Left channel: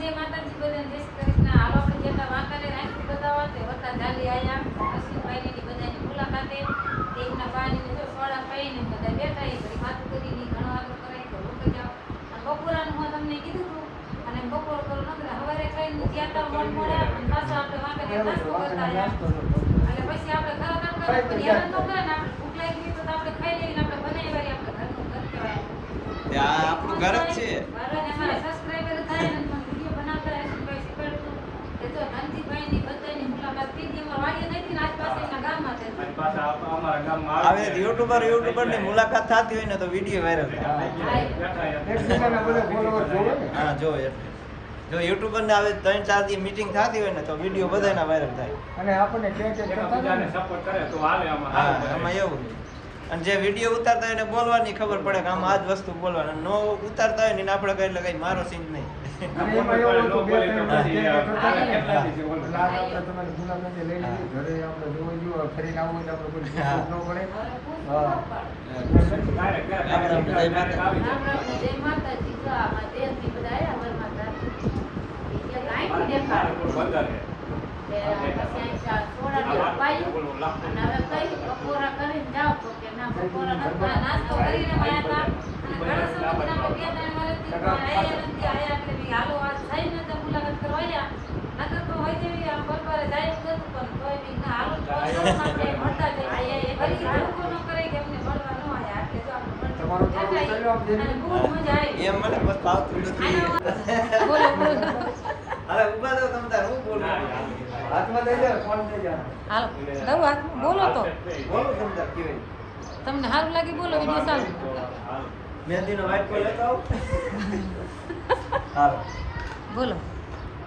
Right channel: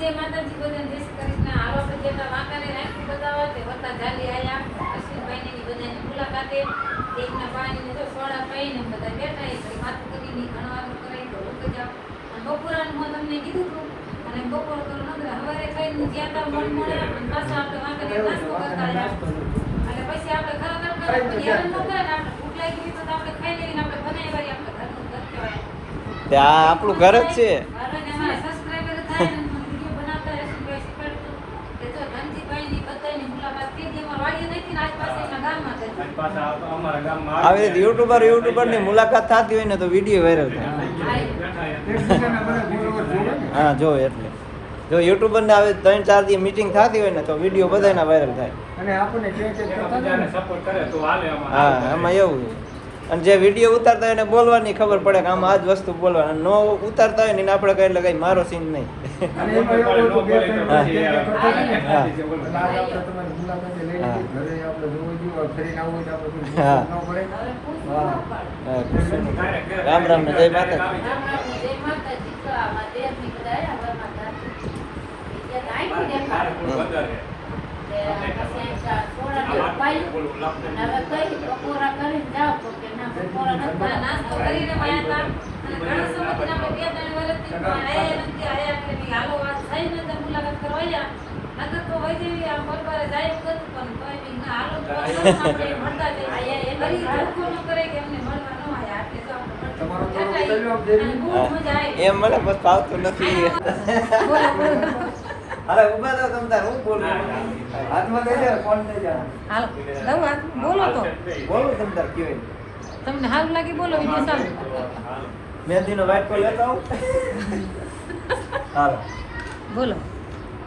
જય માતાજી બધાને જય શ્રી કૃષ્ણ. હાલો આપણે જેટલા વાંકાને રાખી બતાવવા તે વત્તા જાલી આયા અશ્વિનભાઈ ની બધાની મુલાકાતે તેમના પાણીને જો સોડા પાઈને બધા બેઠા એ તો વાત કરીને ઘણવાનું કરે તો લોકો જાવ અને બપોરાનું હું તમને કીધું હતું અને બપોર કરો નંબર હવારે ખાઈને જ્યાં તા મન મળ્યા પાછો આપણે વાંકાને નાસ્તો કરતા રહ્યા અને પછી આપણે ખાવા કરતા પછી હેરાન ન કરે ને આપણે ભૂખ લાગી તો આપણે ખાઈ લઈને આપણે બનાવી વાળી આપણે ઘરનું ઘર કહેવાય. આ આપણું ઘર જ છે. આવી રીતે યુટ્યુબર ની મુલાકાત થતી હોય ને તો વિડીયો વાયરલ થાય. હા જો એટલે જો યુટ્યુબર ને આવી 3-4 દી મીટિંગ થતી હોય ને તો વિડીયો બધાના વાયરલ થાય. અને આપણને સપોર્ટ કરે તો હાલે આમાં. હા એમાં એવું છે. અને જે વિડીયો ઉતારતા હોય એને બોલવાની ખબર પડે કે આમાં આ જ વસ્તુ બોલવાની. નો ઉતારતા હોય ને આપણે કઈ એટલે કઈ મારો સીન નહીં. રામ રામ ને જય માતાજી. એમ મને બસ ફાવતું નથી. અરે ઉભા તો તમ તાર હું બોલું હાલો દઉં હાથ બોલો તો બોલો તમ તાર કેવી તમને સારું લાગે બોલો વિડીયો ચાલુ મેંદીનો વાઇટ કોલ લેતો આવું. હાલો બોલો.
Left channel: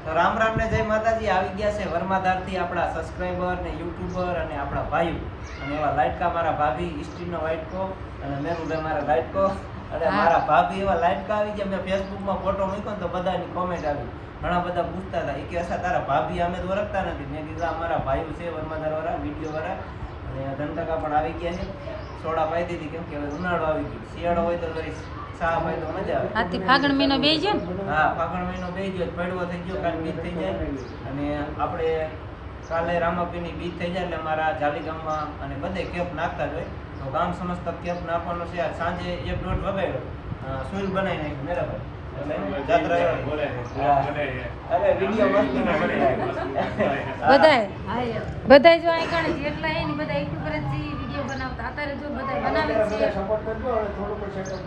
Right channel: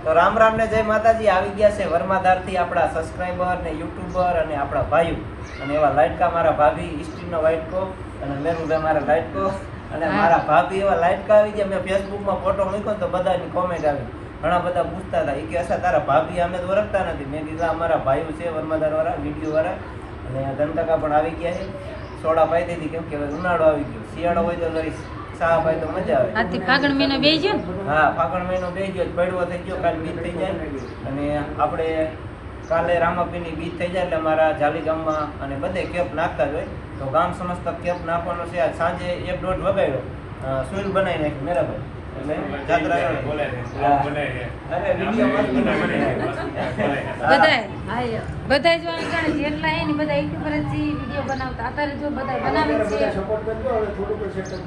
તો રામ રામ ને જય માતાજી. આવી ગયા છે વર્માધારથી આપણા સબસ્ક્રાઇબર ને યુટ્યુબર અને આપણા ભાઈઓ અને એવા લાઈટકા મારા ભાભી ઈસ્ટીનો વાઇટકો અને મેરુભાઈ મારા લાઈટકો અને મારા ભાભી એવા લાઈટકા આવી ગયા. મેં ફેસબુકમાં ફોટો મૂક્યો તો બધાની કોમેન્ટ આવી. ઘણા બધા પૂછતા હતા એ કે અચ્છા તારા ભાભી અમે તો ઓળખતા નથી. મેં કીધું અમારા ભાઈઓ છે વર્માધાર વાળા વિડીયો વાળા અને ધનકાકા પણ આવી ગયા છે. સોડા પાઈ દીધી કેમ કે ઉનાળો આવી ગયો. શિયાળો હોય તો વળી ચા પાઈ તો મજા આવે. આજથી ફાગણ મહિનો બેસી ગયો ને? હા ફાગણ મહિનો બેસી ગયો, પડવો થઈ ગયો, કાલે બીજ થઈ જાય અને આપણે કાલે રામાપીની બીજ થઈ જાય એટલે અમારા જાલી ગામમાં અને બધે કેપ નાખતા જ હોય. તો ગામ સમસ્ત કેપ નાખવાનો છે. આજ સાંજે 1-1.5 વગાડ્યો સુઈલ બનાવી નાખી મેરાભાઈ એટલે જાત્રા અરે વિડીયો મસ્ત બધાય જો આગળ જેટલા હે ને બધા યુટ્યુબર જ વિડીયો બનાવતા અત્યારે જો બધા બનાવે છે. સપોર્ટ કરજો હવે થોડુંક સેટઅપ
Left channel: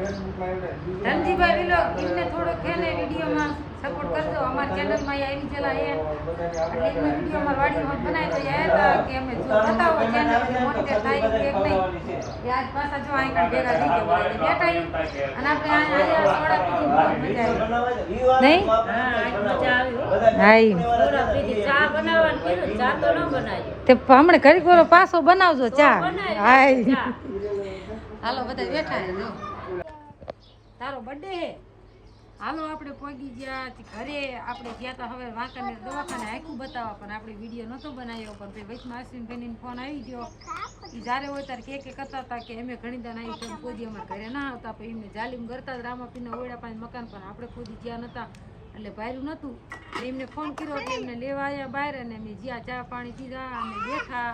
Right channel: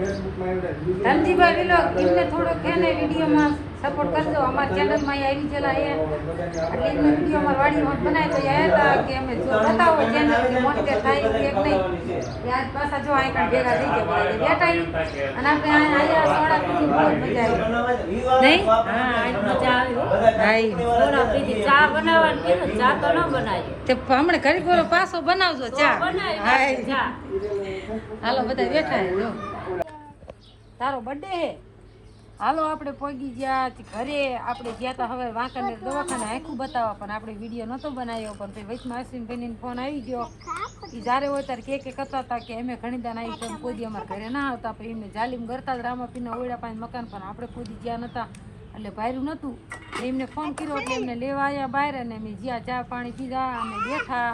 ફેસબુકમાં ધનજીભાઈ વિલોગ એમને થોડોક હે ને વિડીયોમાં સપોર્ટ કરજો. અમારી ચેનલમાં આવી ગયેલા હે એટલે એમને વિડીયો અમાર વાડી હોત બનાવી તો આવ્યા હતા કે અમે જો બતાવો ચેનલ મોનિટર થાય કે નહીં. આજ પાછા જો આગળ ભેગા થઈ ગયા બેઠા અને આપણે અહીંયા સોડા પીધી બહુ મજા આવી નહીં? મજા આવી. સોડા પીધી ચા બનાવવાનું કીધું ચા તો ન બનાવી તે હમણાં ઘડી ગોળો પાછો બનાવજો ચા. હાલો બધા બેઠા હે જો તારો બર્થડે હે. હાલો આપણે પહોંચી ગયા ઘરે. આપણે ગયા તા હવે વાંકાનેર દવાખાને આખું બતાવવા પણ આપણે વિડીયો નહોતો બનાવ્યો. પણ પછી વચમાં અશ્વિનભાઈનો ફોન આવી ગયો. એ જ્યારે હોય ત્યારે કે કરતા હતા કે અમે ઘણી દાન આવી પણ કોઈ દી અમારા ઘરે ના આવતા. પછી એમને જાલીમ કરતા જ રામાપીના ઓળા પાસે મકાન પણ આપણે કોઈ દી જ્યાં નહોતા એટલે ભાર્યું નહોતું. એમને ફોન કર્યો એટલે એમને લેવા આવ્યા બહાર અને અમે જ્યાં ચા પાણી પીધા અને બેઠા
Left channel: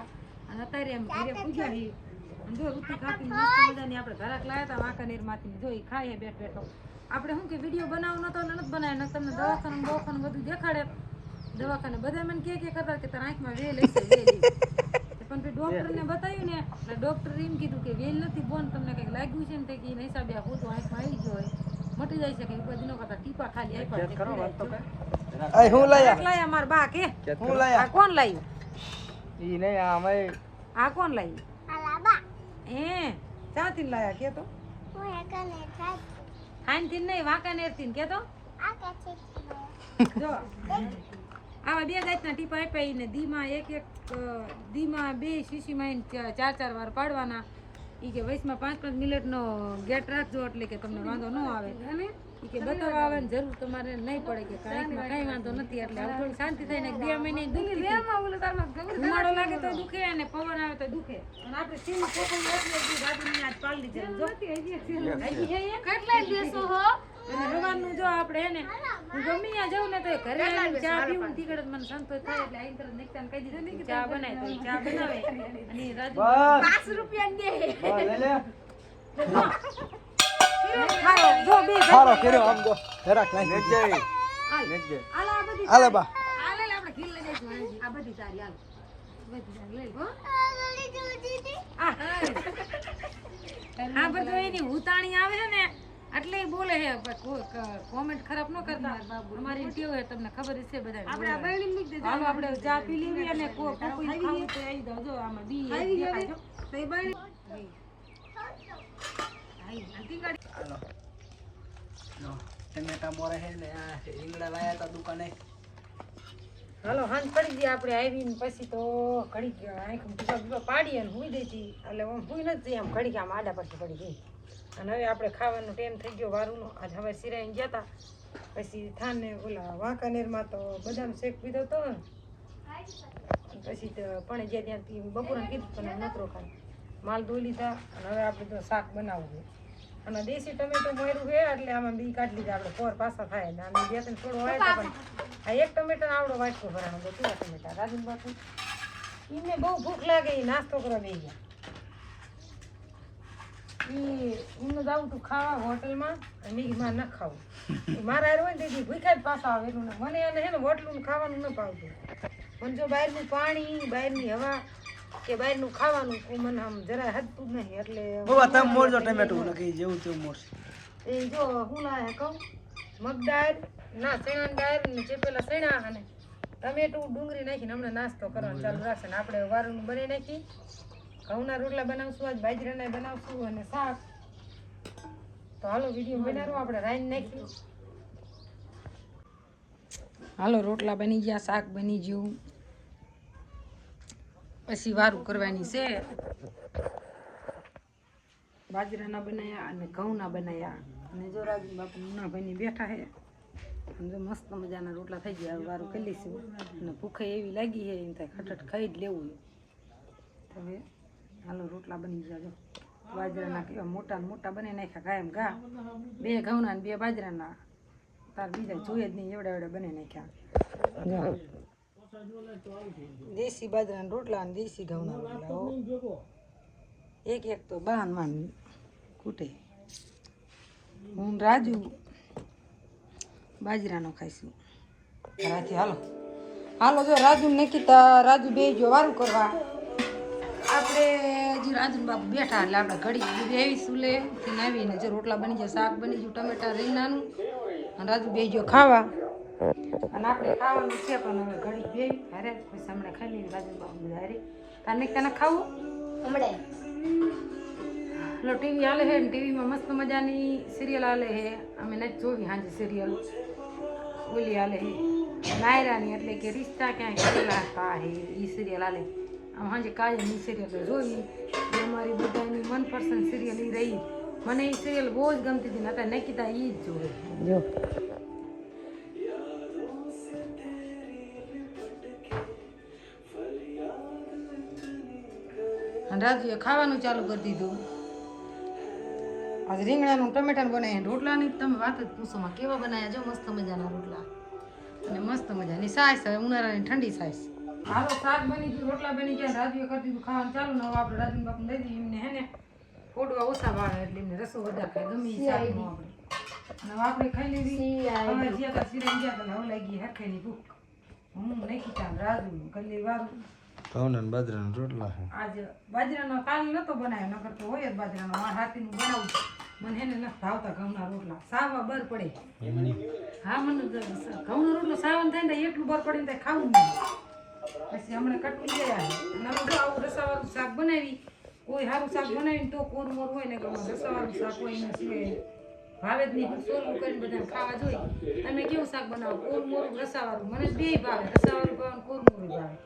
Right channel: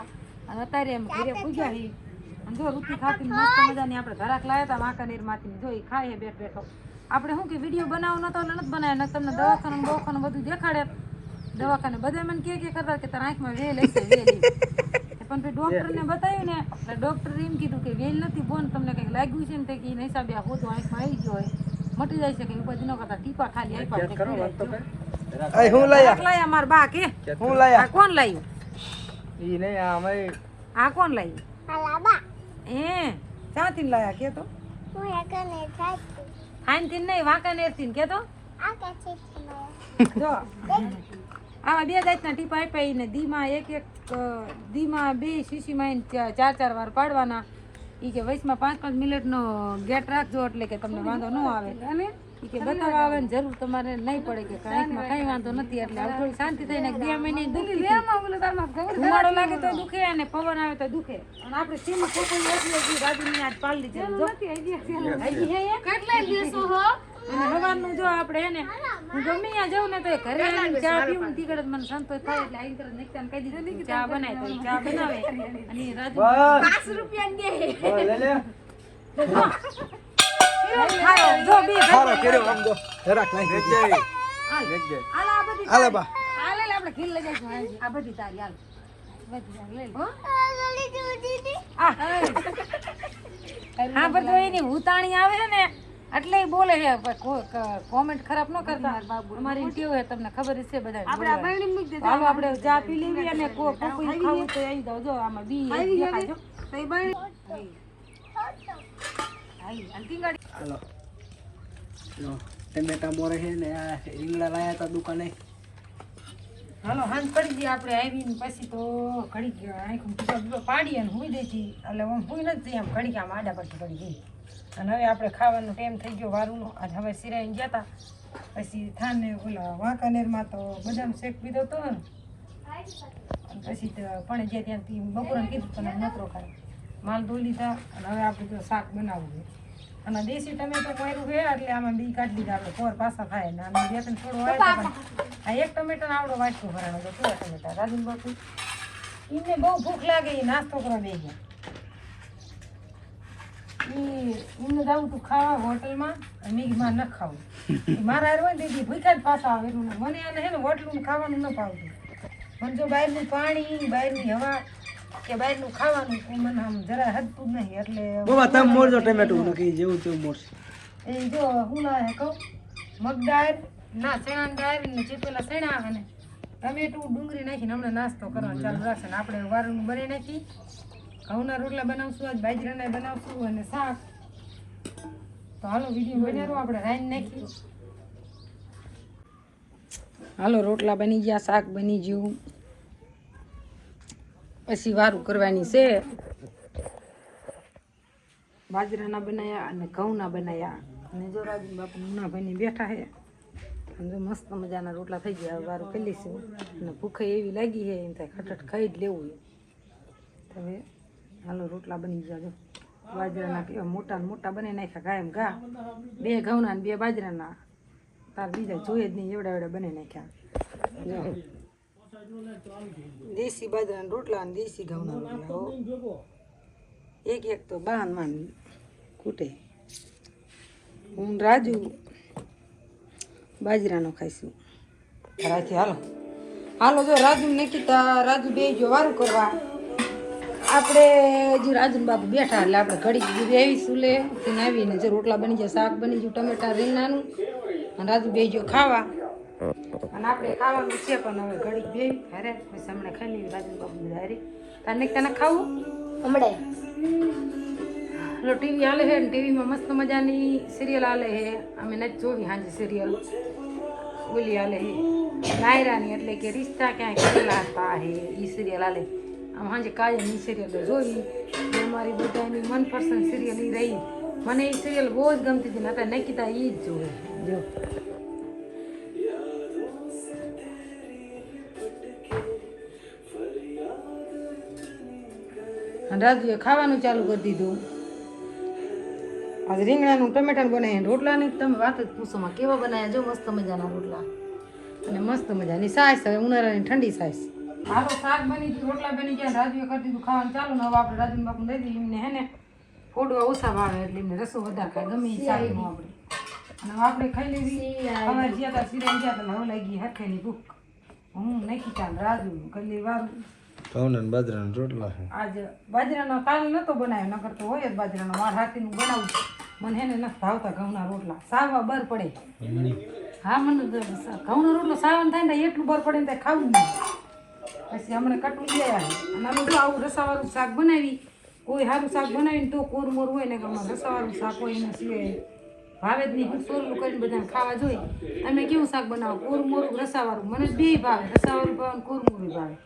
અને અત્યારે અમે ઘરે પૂજા હી જો રૂટી ખાતી મસ્ત મજાની આપણે ઘરાક લાવ્યા હતા વાંકાનેરમાંથી જો એ ખાઈએ બેઠો. આપણે શું કે વિડીયો બનાવો નતો એટલે નથી બનાવ્યો. તમને દવાખાનું બધું દેખાડે. દવાખાને બધા મને કે કરતા કે તારા આંખમાં વેલ હશે વેલ. પણ ડોક્ટરને બતાવ્યું ને એટલે ડોક્ટરે એમ કીધું કે વેલ નથી બોન તમને કંઈક લાગ્યું છે ને તે કે હિસાબે આ હોતું આંખમાં આવી ગયો હોય મટી જાય છે કે ઉપાધિ ન કરતા ટીપા ખાલી આપ્યા. હું લાયા માર બા કે હું લાયા કોણ લાવ્યું? ઈ નહીં આ અમે આ કોણ લાવ્યું? એ ક્યાંથી લાયા કે તો ખાનથી નહીં વાંકાનેરથી કે તો જો આવા 2 જાતના ટીપા આપ્યા ને દીમાં 2 શીશીમાં 4 વાર પાડવાના. એ કે વચમાં 5-5 મિનિટનો ગેટ રાખજો એટલે કે તમને વાંધો ન આવે. અને એ કે બતાવવા આવે ને જરૂર તમારે નહીં પડે કે કાંઈકમાં કાંઈ વાંધો નથી. એટલે હવે થોડી શાંતિ થઈને 2 મહિને દુખી ઉનાળો લાગે તો દુખે અને પવન આવે તો દુખે. અને આપણે સીમ પોપઈ એટલે દાદીની આજ પાડી દીધી જો કેટલા દિવસો હો અને સવારનું જો આપણે હે ને હું ગમે ત્યાં જાઉં ને તો ઘરે આવીને ચા પીવું તીકડ મને સંતોષ થાય એટલે આઈ તરત નેક્તાને કહી દીધું કે ચા બનાય તો ચા બનાવે અને રાજુ બસ 5 રૂપિયા દે બસ લે લે જો બે સારો કર્યો આમ જો જરાક લાગી ગઈ હાલે બા હાલે આપણે ઘી લઈ જઈશું આ બધી તારી હાલ બધી લઈ હો હા બધું એની ઉતાણી આવે છે ને એટલે ઈ બોલે છે કોમેન્ટ ખરાબ ન કરતા અમારી ટેવ છે તમને ખબર જ છે બધા હાલો આપણે ચા પી લેવી અને કોકુઈ ખાવું તો આવી જાવ જો આમાં બી દેખાજો હાલો લો ટમેટા મોરે છે ને આ રીંગણા લાયા તા દુકાને હાલો હાંજ પડી ગઈ આપણે આવીને પછી તો ઘડી ગયા આંખું બીજો પાડી અને હુઈ દેતી એટલે હું હુઈ નથી આમ ઘડી આમ આડા પરથી પડી ગઈ અને હવે આપણે ખાવાનો ટાઈમ થઈ ગયો વારુનો આજ હવે સિરાઈને ગયા હતા પછી થાને ઓલા વાંકાનેરમાં તો બદામ શેક પીધો હતો અને પછી તો પણ જે ત્યાંથી બપોરે કીધું પણ નતરો ખાય માલ ધોઈ લીધા અને હવે આપણે તો શાક બનાવવું છે અને દેશી ટમેટો માર્યું છે એટલે આમાં બી કાઢી લીધા આપણે પોર પાછા થાય ને આને બે ત્રણ થોડો હોય તો પણ આ એક ટમેટાનો આવડો વાટકો ભરાણો તો કેવા ટમેટા રાજન બાપુ એને બહુ ભૂખ લાગે એ નાસ્તો કરવા દઈ ગયા એમને જાવું તું ખાવા હોટલમાં અને મેં માં ન ખાવું મારા હારે હોય ને દીદી ભૂખ્યા જ પાછા આવે એનું મને એને હે ને હોટલું ખાવાનું ન ભાવતું મને જો બહારનું પાણી બહારની હવા કે બહારનું ખાવાનું મને આમ જરા હદતું જ નહીં એટલે બાબા તમે મોરજો ટમેટું નક્કી જેવું તેવું મોરશે એ જો હું લાયા કહું મગદાળ ના ચણાની દાળ ને ચેપેલા ચણા અને ટમેટું ડુંગળી નાખીને હમણાં નાસ્તો કરવાનો ચાલુ રાખશે ને આપણે વારનું બનાવી નાખી ઘઉંના રોટલા બનાવશું આજ બાજરાના બનાવશું અને શાક તો હાલો વિડીયો બનાવો આપણે રાઈન નાખી હાલો રોટલા બની ગયા શાક બની ગયું પછી વારું કરવાની છે બાજરાના બનાવ્યા અને ઘઉંના બનાવ્યા અને જો રાજુ બાપુ મુનાભાઈની બેઠા છે અને જો મસ્ત મજાના રોટલા થઈ ગયા વારું કરી લઈશું અને ભૂખે એવી લાગી છે એમ થાય ખટખટ ખાઈ જ લેવું છે હવે હાલો રોટલા બની ગયા જો બાજરાના કેવા મોટા ને મોટા બની નાખ્યા કાયમ ઘા 2 ઘઉંના ને 2 બાજરાના તાર બીજા જોઈએ જ નહીં એવડા એવડા બની નાખ્યા દેશી બાજરાના રોટલા અને દેશી ઘઉંના રોટલા હો એક એક તો બાનમાં કૂટે હું રાજુ બાજરાનો ખાઈશું રાથી હાલો હાલો જો રાજુ નકીતા રાજુ બે ગયો વારું કરવા આપણે હજી રાજુ બાપુ બેઠા એટલે આપણે ઘડી બેહીશું લે તેને આવીને જો રોટલા બની ગયા શાક બની ગયું ટમેટા રીંગણાનું અને રાજુ બે ગયો ખાવા અને આપણે ખાવાનું છે પણ હવે ઘડી બે અરે પછી હમણાં ખાઈ લેવી રાજુ બાપુ બધા અરે તારે તને ખાવું હમણાં લો ટીવી હાલે છે ને ટીવીમાં મસ્ત મજાની સિરિયલ હાલે છે અમે નથી જોવી સાંજે સિરિયલ ઓલી હાલે છે નાયરાની એટલે કે રિશ્તા ક્યાંય કરેલા હતા હે એ સિરિયલ હાલે આમ સાંજે કાયમ એ સિરિયલ જોઈ એ અમારી બધાની મનપસંદ સિરિયલ એ રહી મને એ સિરિયલ બહુ જ ગમતી હતી ને અત્યારે નકીતા એ જ જોવે જો અને રાજુએ ખાવાનું ચાલુ કરી દીધું આજે રીંગણાનું ટમેટાનું બનાવીને રોટલાની તમે વાત જ પૂછોમાં કેવા બનાવ્યા જો મસ્ત મજાના રોટલા અને મસ્ત મજાની સાઈઝ હવે ઉનાળાની ઠંડી સાઈઝ હાલો શાક બની ગયું રોટલા બની ગયા રાજુએ કરી દીધું ખાવાનું ચાલુ ને હવે આપણે રાજુ બાપુ દઈ દઈએ એમને હે ને ફોડવા ઓછા ભાવે એટલે એમને રસો વધારે ખાય ગમે એ શાકનું આપણે અને હવે આપણે ખાઈ લેવી હવે જ્યાં ત્યાં સિરાઈ ગયા તમે હવે લાગી હરખેની ભૂખ હું નાખી ચાલ રાજુ કરી વારું ઘઉંના ને બાજરાના રોટલા છે આજે બાજરાનો કાલ નતો બનાવ્યો નકર તો હોય જ બાજરાનો માર હાથીનું બનાવું મને હેને નથી ભાવતા ઘઉંના રોટલા સાવા બર પડે હા મને ઘઉંનો રોટલો સાવન થાય ને એટલું બર પડે ને ત્યાં ખાવું જ નહીં પછી હમણાં કટું ગયા અને અમે જો આવું રસાવાળું શાક બનાવી કોઈ સારું શાક બનાવીને તો કોરમોર હોય ને કે રસાવાળું શાક હોય એના સિવાય ભાવે જ નહીં સોરલું કરીને બધાને ખાવા જોઈએ તમે કેવું શાક બનાવો કોરમોરું રસાવાળું મને બે ભાવે રસાવાળું ભાવે ને કોરમોરું ભાવે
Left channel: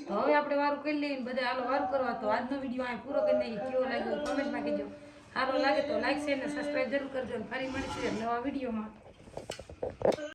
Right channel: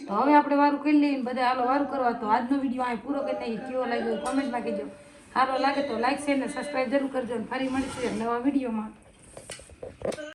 તો હવે આપણે વારું કરી લઈએ બધા હાલો વારું કરવા તો આજનો વિડીયો અહીં પૂરો કરી નાખીએ કેવો લાગ્યો કોમેન્ટમાં કહેજો સારો લાગે તો લાઈક શેર ને સબસ્ક્રાઈબ જરૂર કરજો અને ફરી મળીશું નવા વિડીયોમાં